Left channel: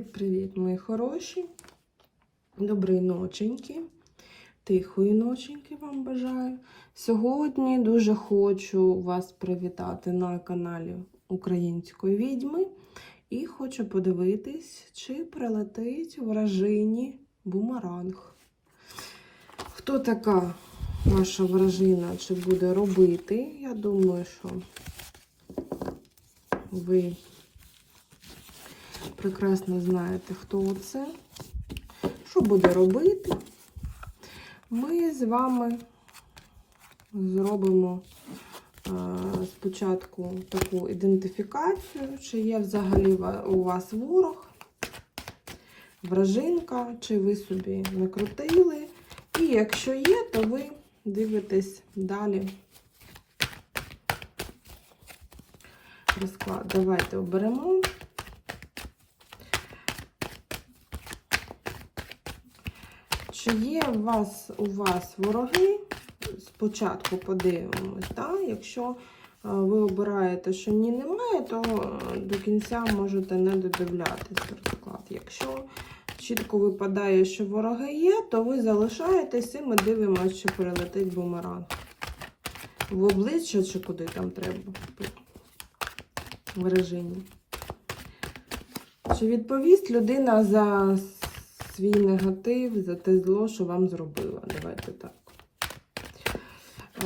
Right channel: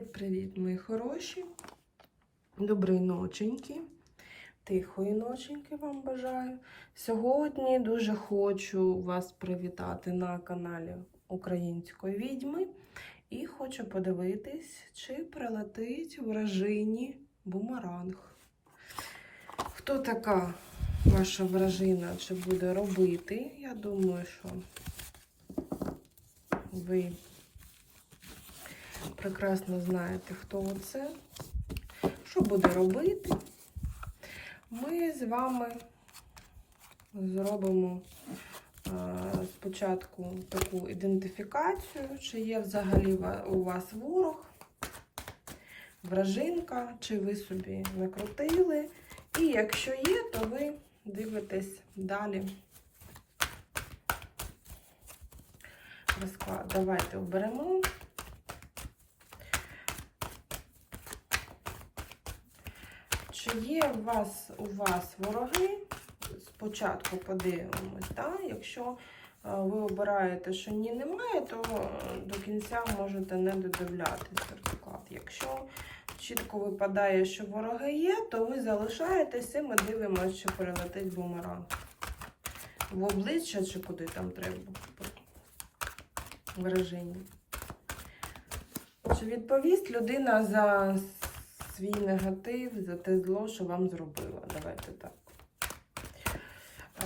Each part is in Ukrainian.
Привіт, мої хороші. Доброї ноченьки. Тихої ноченьки вам бажаю. Сьогодні дуже хочу вас привітати на каналі Української відьми. І хочу подивитись, чи прилетить вражині бумеранг. Хто така ваша вражина, чи буде робити? Я думаю, що ви прекрасно знаєте, хто це, що буде робити. Ми з вами зробимо е, спочатку таку ідентифікацію, чи є взагалі у вас ворог, вражинка, чи ви собі накрутили. І якщо є, то ви дивитесь далі. Розклад. Давайте оберемо. Чи є у вас, у вас вороги? Спочатку подивимось. Так? Якщо е, ви обираєте, що ні, немає, то е, до кінця можете не додивлятися розклад. Якщо чітко випадає, що вороги є, то ви залишаєтесь і ми дивимося, чи прилетить бумеранг. В обличчя чи куди там треба в режимі. Чи відповість людина за свій негатив, за те зло, що вам зробила? Давайте так.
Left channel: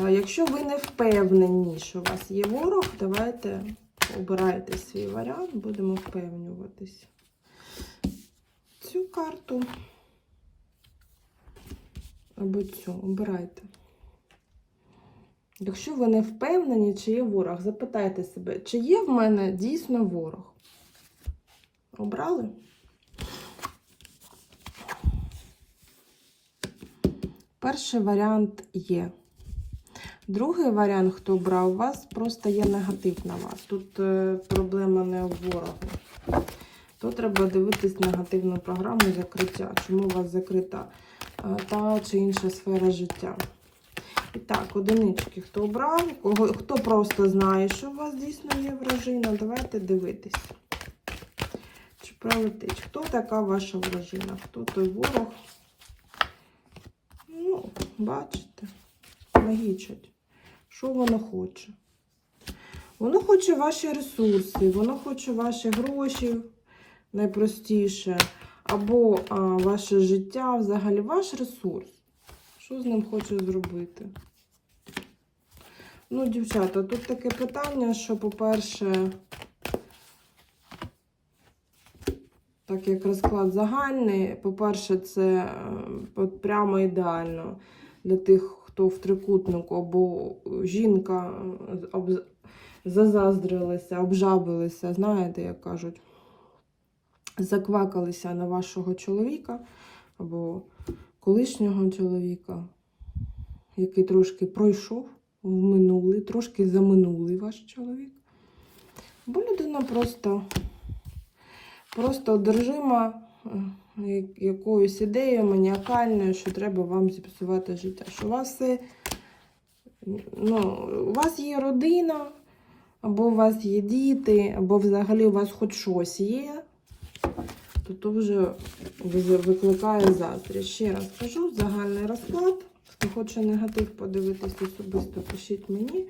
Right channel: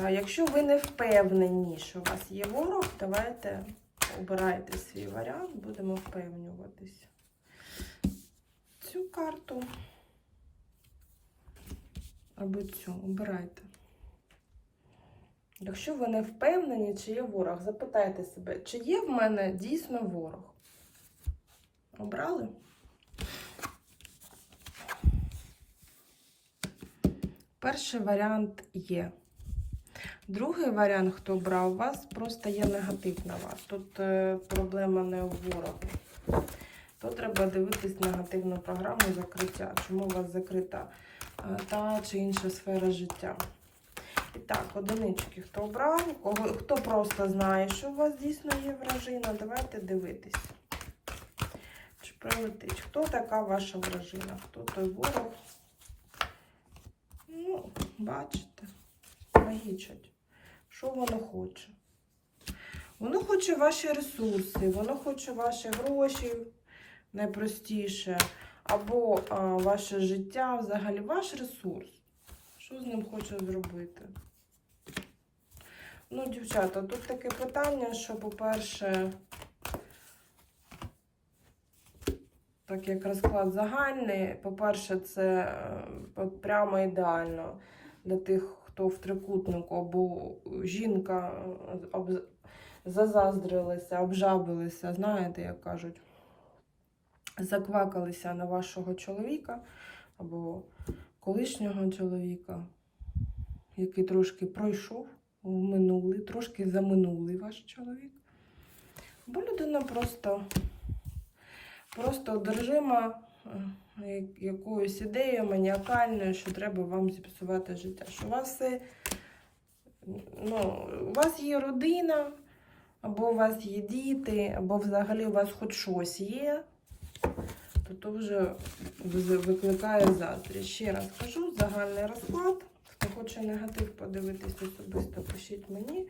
А якщо ви не впевнені, що у вас є ворог, давайте обирайте свій варіант, будемо впевнюватись. Цю карту або цю обирайте. Якщо ви не впевнені, чи є ворог, запитайте себе, чи є в мене дійсно ворог? Обрали? Перший варіант є. Другий варіант, хто брав, вас просто є негатив на вас. Тут е, проблема не у ворогу. Тут треба дивитись негативну програму закриття. Чому у вас закрита е, та чи інша сфера життя. І так, одинички, хто обрав, кого, хто просто знає, що у вас дійсно є вражина, давайте дивитись. Чи прилетить? Хто така ваша вражина? Хто той ворог? Бачите, логічать. Що воно хоче? Воно хоче ваші ресурси, воно хоче ваші гроші найпростіше, або а, ваше життя, взагалі ваш ресурс. Що з ним хоче зробити? Ну, дівчата, тут таке питання, що, по-перше, так як розклад загальний, по-перше, це е, прямо ідеально для тих, хто в трикутнику, або жінка е, об- зазаздрилися, обжабилися, знаєте, як кажуть, заквакалися на вашого чоловіка, або колишнього чоловіка, який трошки пройшов в минулий, трошки заминулий ваш чоловік. Бо людина просто, просто одержима е, якоюсь ідеєю маніакальною, що треба вам зіпсувати життя. Що у вас ну, у вас є родина, або у вас є діти, або взагалі у вас хоч щось є, то то вже ви- викликає заздрість. Ще раз кажу, загальний розклад. Хто хоче негатив подивитись особисто, пишіть мені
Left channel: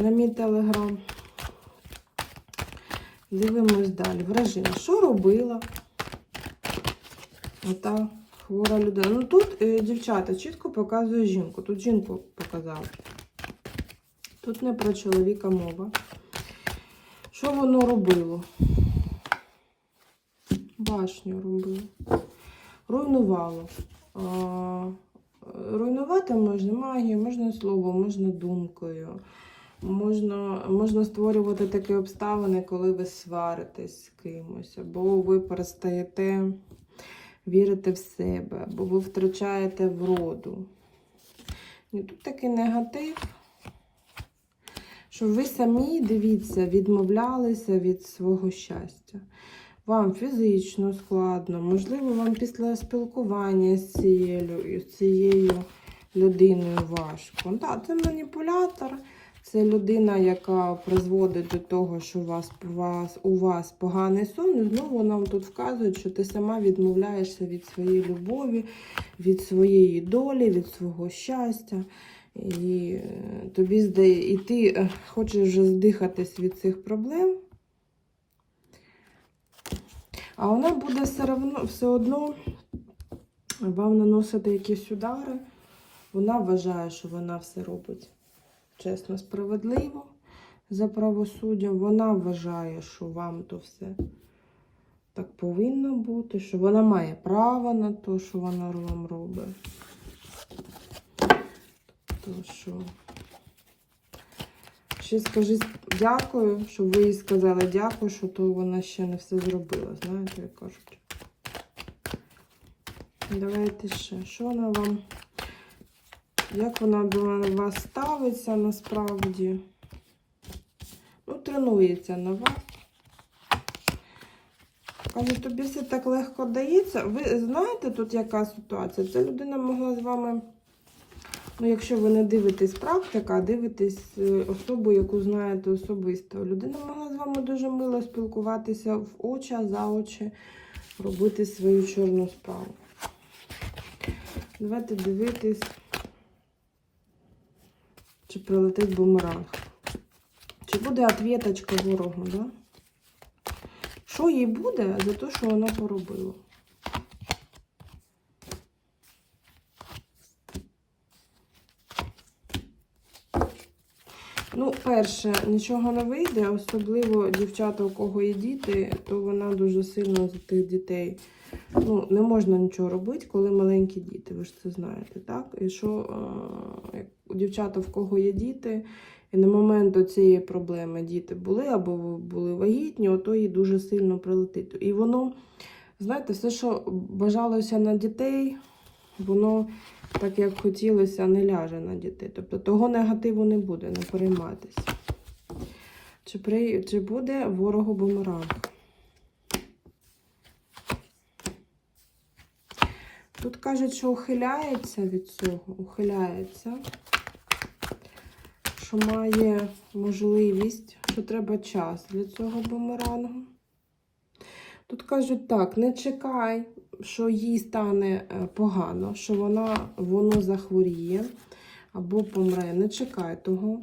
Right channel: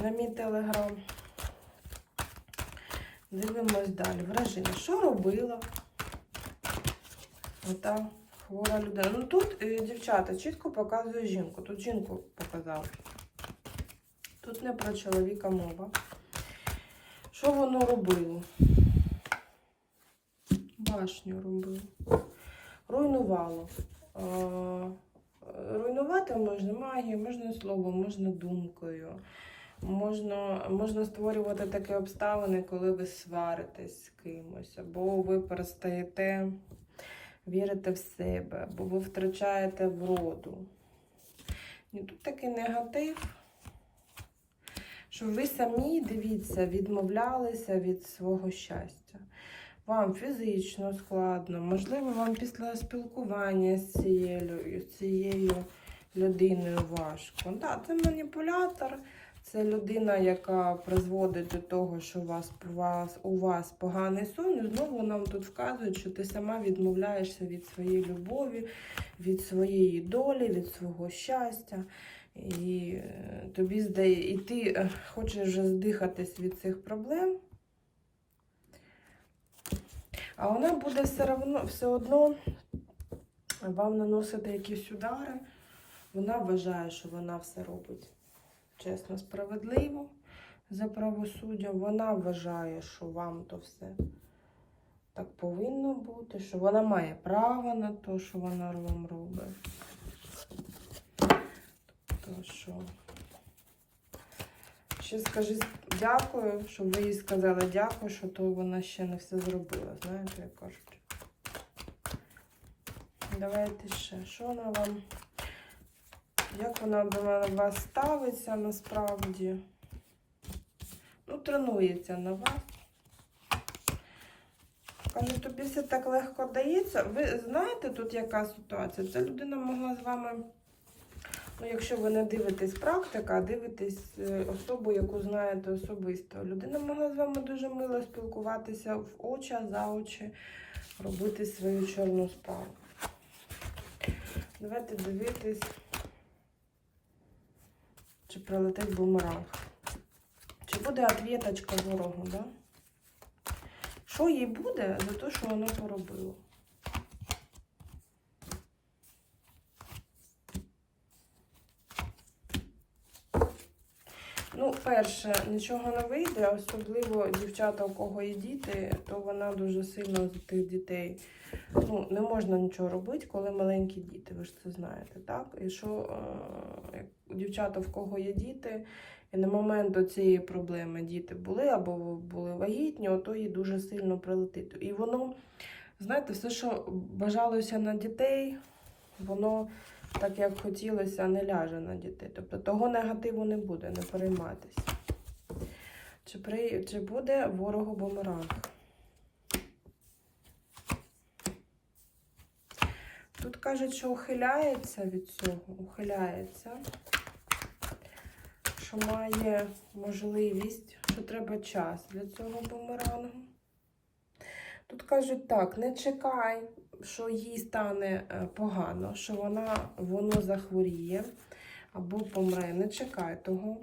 на мій телеграм. Дивимось далі. Враження. Що робила ота хвора людина? Ну тут е, дівчата чітко показує жінку. Тут жінку показали. Тут не про чоловіка мова. Що воно робило? Башню робило. Руйнувало. Руйнувати можна магією, можна словом, можна думкою. Можна, можна створювати такі обставини, коли ви сваритесь з кимось, або ви перестаєте вірити в себе, або ви втрачаєте вроду. І тут такий негатив, що ви самі, дивіться, відмовлялися від свого щастя. Вам фізично складно, можливо, вам після спілкування з цією, з цією людиною важко. Так, це маніпулятор, Це людина, яка призводить до того, що у вас, у вас, у вас поганий сон. Знову нам тут вказують, що ти сама відмовляєшся від своєї любові, від своєї долі, від свого щастя. І е, тобі здає, і ти е, хочеш вже здихатись від цих проблем. А вона буде все одно, все одно вам наносити якісь удари. Вона вважає, що вона все робить чесно, справедливо за правосуддям. Вона вважає, що вам то все так повинно бути, що вона має право на те, що вона вам робить. То що. Ще скажи дякую, щоб ви їй сказали дякую, що то вона ще не все зробила. Знаєте, як кажуть. Давайте ще. Що вона вам? Як вона до вас ставиться насправді? Ну, тренується на вас. Каже, тобі все так легко дається. Ви знаєте, тут яка ситуація? Ця людина могла з вами, ну, якщо ви не дивитесь практика, а дивитесь е, особу, яку знаєте особисто. Людина могла з вами дуже мило спілкуватися в очі, за очі, робити свою чорну справу. Давайте дивитись. Чи прилетить бумеранг? Чи буде ответочка ворогу, да? Що їй буде за те, що вона поробила? Ну, перше, нічого не вийде, особливо дівчата, у кого є діти, то вона дуже сильно за тих дітей. Ну, не можна нічого робити, коли маленькі діти, ви ж це знаєте, так? І що у дівчата, в кого є діти, і на момент цієї проблеми діти були або були вагітні, ото їй дуже сильно прилетить. І воно, знаєте, все, що бажалося на дітей, воно так як хотілося, не ляже на дітей. Тобто того негативу не буде, не переймайтеся. Чи, при... Чи буде ворогу бумеранг? Тут кажуть, що ухиляється від цього, ухиляється, що має можливість, що треба час для цього бумерангу. Тут кажуть так, не чекай, що їй стане е, погано, що вона, воно захворіє або помре. Не чекай того.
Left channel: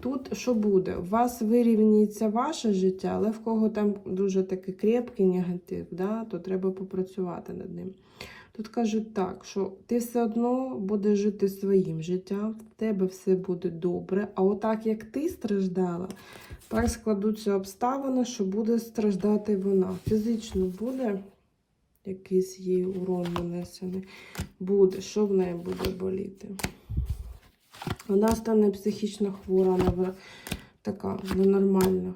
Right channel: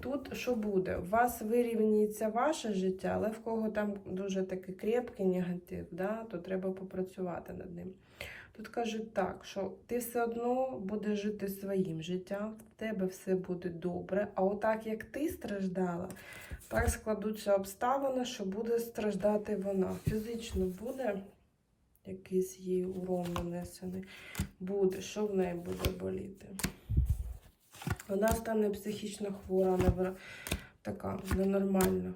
Тут що буде? У вас вирівнюється ваше життя, але в кого там дуже такий крепкий негатив, да, то треба попрацювати над ним. Тут кажуть так, що ти все одно будеш жити своїм життям, в тебе все буде добре. А отак, як ти страждала, так складуться обставини, що буде страждати вона. Фізично буде якийсь їй урон нанесений. Буде, що в неї буде боліти. Вона стане психічно хвора, нев- така ненормальна.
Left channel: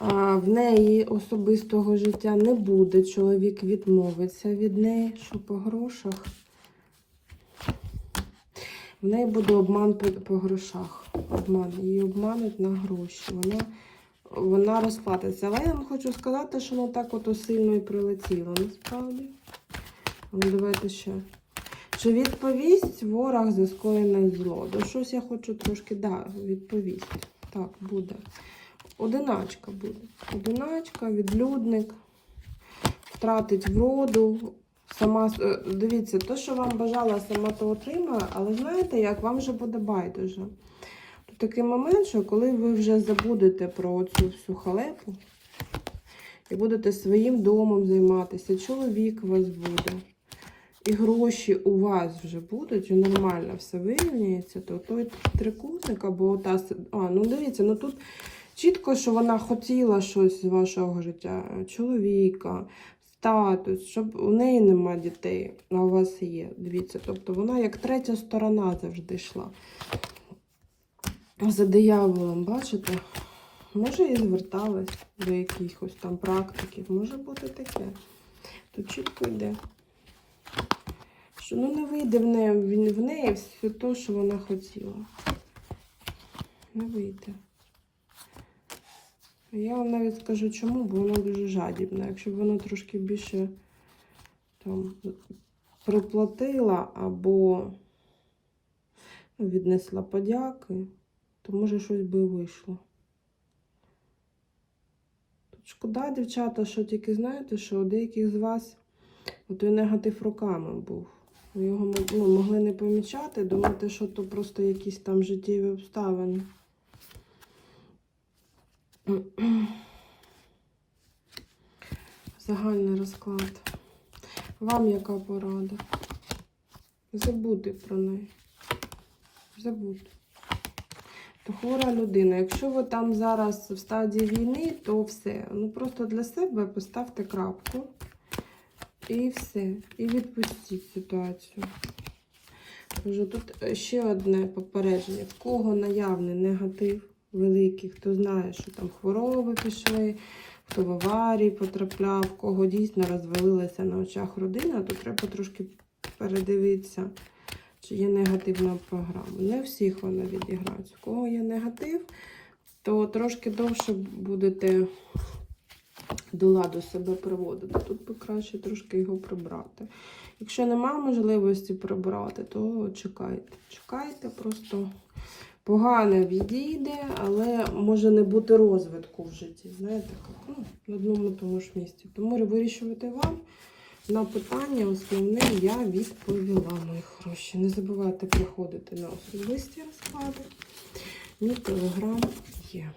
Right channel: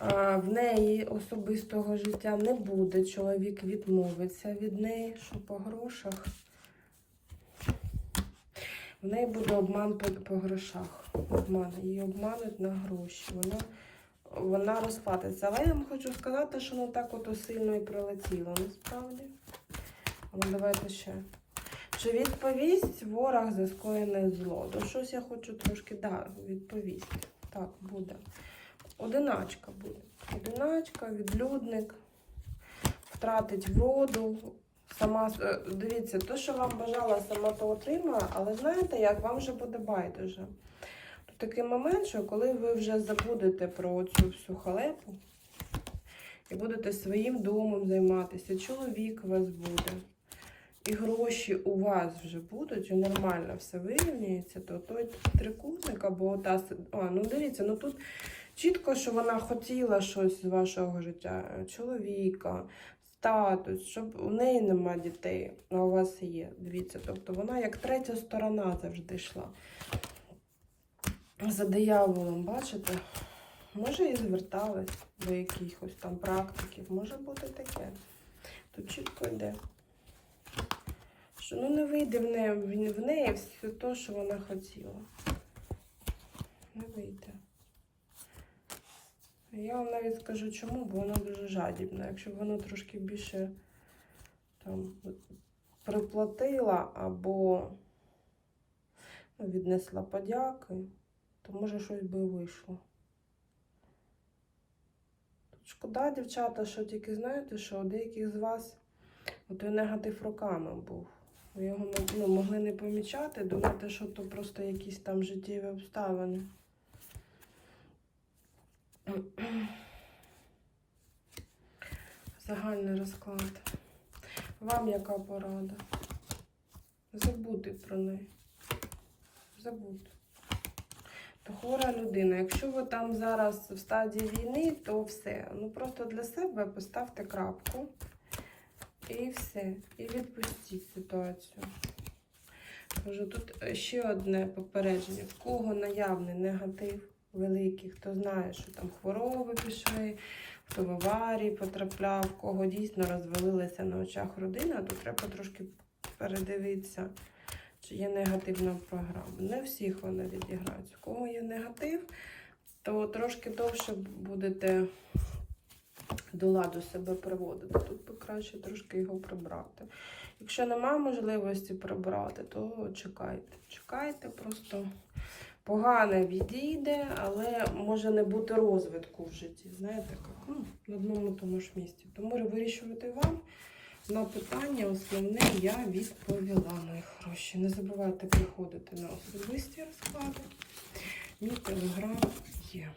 В неї особистого життя не буде. Чоловік відмовиться від неї, що по грошах. В неї буде обман по, грошах. Обман. Її обмануть на гроші. Вона, вона розплатиться. Але я вам хочу сказати, що воно так ото сильно і прилетіло, насправді. Ну, давайте ще. Чи відповість ворог за скоєне зло? До щось я хочу трошки, да, відповість. Так, буде. Одиначка буде. Одиначка, відлюдник, втратить вроду. Сама, е, дивіться, то, що вам бажала, сама то отримала, але знаєте, як вам вже буде байдуже. Тут такий момент, що коли ви вже забудете про цю всю халепу і будете своїм домом займатися, чоловік у вас буде, і гроші у вас вже будуть, і нормально все вирівнюється, то той трикутник або та. А, ну дивіться, ну тут чітко, що вона хотіла щось з вашого життя, чоловіка, статус, щоб у неї нема дітей, а у вас є. Дивіться, тобто вона як третя сторона завжди йшла. За дияволом, бачите? Може, і зверталась до якихось там практиків. Може бути таке. Тут чітко йде. Що ну не вийде в неї, в- неї все те, що вона хотіла. Не вийде. Я вам навіть скажу чому, бо вона дуже жадібна. Якщо б вона трошки більше там приплатила або ну, віднесла подяки, то може щось би вийшло. Тут шкода, дівчата, що тільки знаєте, що у деяких з вас той негатив роками був. Його ну, могли не помічати, думати, що то просто якісь там життєві обставини. Загальний розклад. Вам яка порада? Забути про неї. Забути. То хвора людина. Якщо ви там зараз в стадії війни, то все. Ну просто для себе поставте крапку. І все. І відпустіть ситуацію. Тут ще одне попередження. В кого наявний негатив великий, хто знає, що там хвороби пішли, хто в аварії потрапляв, кого дійсно розвалилася на очах родина, то треба трошки передивитися, чи є негативна програма. Не всіх вона відіграється. У кого є негатив, то трошки довше будете до ладу себе приводити. Тут би краще трошки його прибрати. Якщо немає можливості прибрати, то чекайте. Чекайте, просто погане відійде, але може не бути розвитку в житті. Знаєте, як ну, на одному тому ж місці. Тому вирішувати вам на питання основне я відповіла, мої хороші. Не забувайте приходити на особисті розклади. Мій телеграм є.